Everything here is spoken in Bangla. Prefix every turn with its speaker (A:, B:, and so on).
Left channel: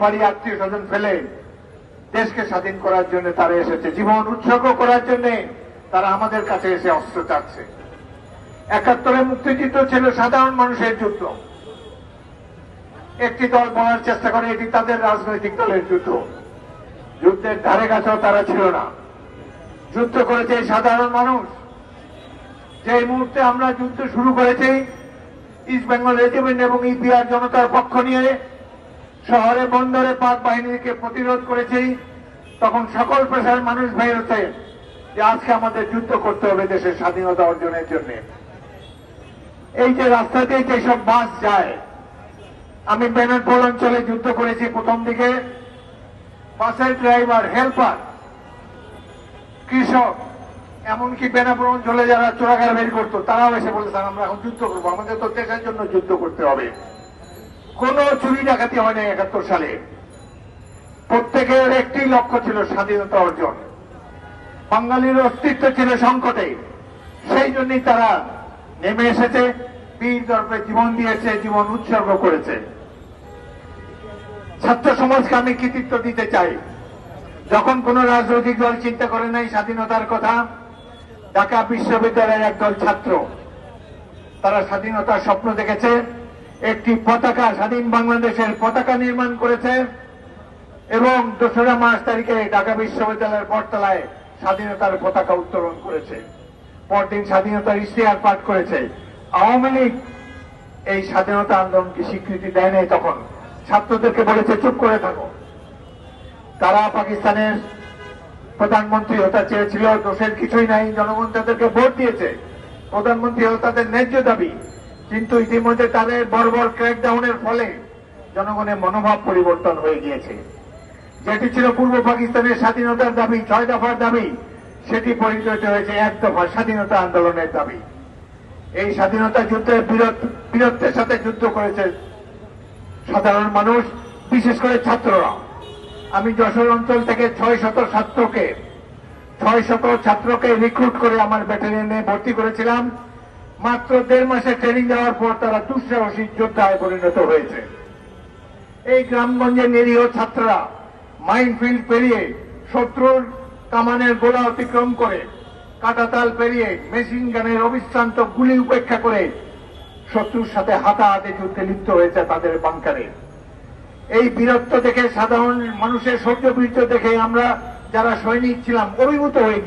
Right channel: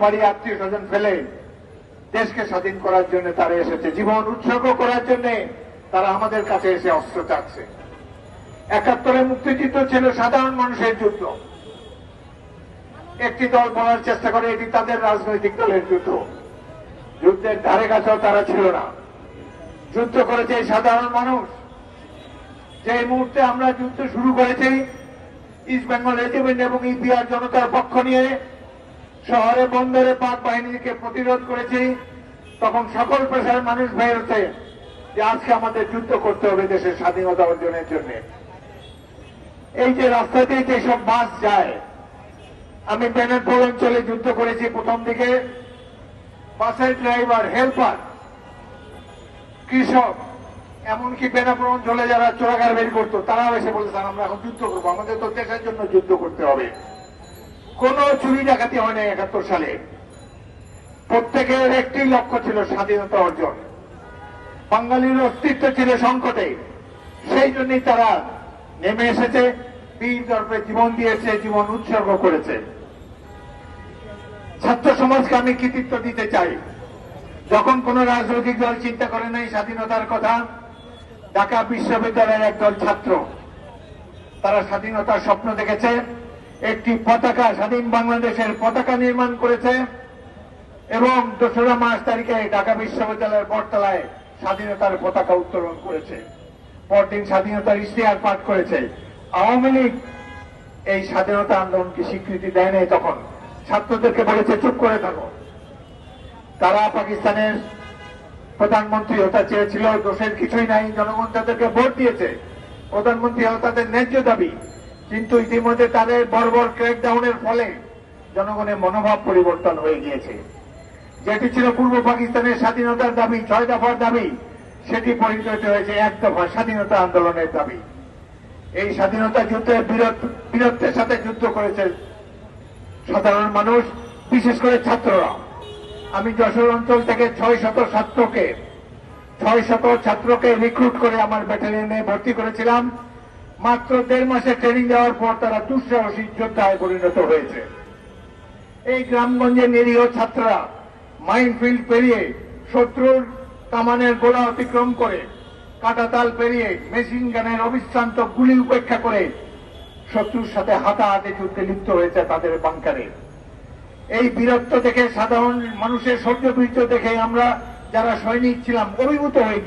A: বাড়ি আত্মীয় স্বজন ফেলে দেশকে স্বাধীন করার জন্য তারা এসেছে, জীবন উৎসর্গ করার জন্য তারা আমাদের কাছে এসে অস্ত্র চাচ্ছে একাত্তরের মুক্তিযুদ্ধ ছিল সাধারণ মানুষের যুদ্ধ। একটি দল বলার চেষ্টা করে, এটি তাদের রাজনৈতিক দলের যুদ্ধ। যুদ্ধের ধারে কাছেও তারা ছিল না। যুদ্ধ করেছে সাধারণ মানুষ। যে মুহূর্তে আমরা যুদ্ধ শুরু করেছি, ইস্ট বেঙ্গল রেজিমেন্ট এবং ইপিআর জনতার পক্ষ নিয়ে শহরে বন্দরে পাক বাহিনীকে প্রতিরোধ করেছি, তখন সকল পেশার মানুষ বেরোতে যে আজকে আমাদের যুদ্ধ করতে হবে দেশের স্বাধীনতা অর্জনের জন্য। এই যে রাস্তা দিয়ে যেসব বাস যায়, আমি বেনারপুর অঞ্চলে যুদ্ধ করেছি প্রথম দিকে। বাসের ড্রাইভার, হেল্পার, কৃষক, এমনকি বেনাপুর অঞ্চলে যারা চোরাগার বের করতো, তারাও এসে বলেছেন আমরা এখন যুদ্ধ করব, আমাদের তো দেশের জন্য যুদ্ধ করতে হবে। কোন চুরি ডাকাতি হয়নি একাত্তর সালে। প্রত্যেকের একটি লক্ষ্য ছিল স্বাধীনতা অর্জন। বাঙালির অস্তিত্ব ছিল সংকটে। সেই জন্যই তারা নেমে এসেছে, বীর দর্পে জীবন দিয়েছে, জীবন উৎসর্গ করেছে। ছাত্র সমাজকে আমি কৃতিত্ব দিতে চাই। যখন কোন রাজনৈতিক দল চিন্তা করে নাই স্বাধীনতার কথা, ঢাকা বিশ্ববিদ্যালয়ের একদল ছাত্র, তারা স্বাধীনতার স্বপ্ন দেখেছে। একটি পতাকা স্বাধীন বাংলাদেশের পতাকা নির্মাণ করেছে এবং দোসরা মার্চ তারিখে ঢাকা বিশ্ববিদ্যালয়ের বটতলায় স্বাধীনতার পতাকা উত্তোলন করেছে। পরদিন স্বাধীনতার ইশতেহার পাঠ করেছে। আওয়ামী লীগ এই স্বাধীনতা আন্দোলনকে স্বীকৃতি দেয় নাই তখন। ছাত্রদেরকে বলেছে, চুপ করে থাকো। তারা পাকিস্তানের প্রধানমন্ত্রী হতে চেয়েছিল, দোষের কিছুই নাই। জনগণ তাদেরকে ভোট দিয়েছে। প্রধানমন্ত্রী হওয়া তাদের ন্যায্য দাবি। কিন্তু ইতিমধ্যে তাদের বর্বর ক্র্যাকডাউনের ফলে জনগণের মনোভাব পরিবর্তন হয়ে গিয়েছে। যেটি ছিল পূর্ব পাকিস্তানের স্বাধীনতার দাবি, ছয় দফার দাবি, সেটি পরিণত হয়েছে এক দফা স্বাধীনতা আন্দোলনের দাবি। এই স্বাধীনতা যুদ্ধের বীরত্বের সাথে যুদ্ধ করেছে সাধারণ মানুষ, বিশেষ করে ছাত্ররা। আমি যশোর অঞ্চল থেকে ছয় শত ছাত্রকে, ছয় শত ছাত্রকে রিক্রুট করে আমার ব্যাটালিয়নে ভর্তি করেছিলাম। মাত্র দেড় মাসে ট্রেনিং দেওয়ার পর তারা দুঃসাহসী যোদ্ধায় পরিণত হয়েছে এই গ্রামগঞ্জের নিরীহ ছাত্ররা মাইনফিল্ড পেরিয়ে শত্রুর কামানের গোলা অতিক্রম করে, কাটাতাল পেরিয়ে মেশিন গানের অবিশ্রান্ত গুলি উপেক্ষা করে শত্রুর সাথে হাতাহাতি যুদ্ধে লিপ্ত হয়েছে তাদের বাংকারে এই বীরত্ব দেখে সাধারণ মানুষের সহ্য বীর্য দেখে আমরা যারা সৈনিক ছিলাম, অভিভূত হয়ে।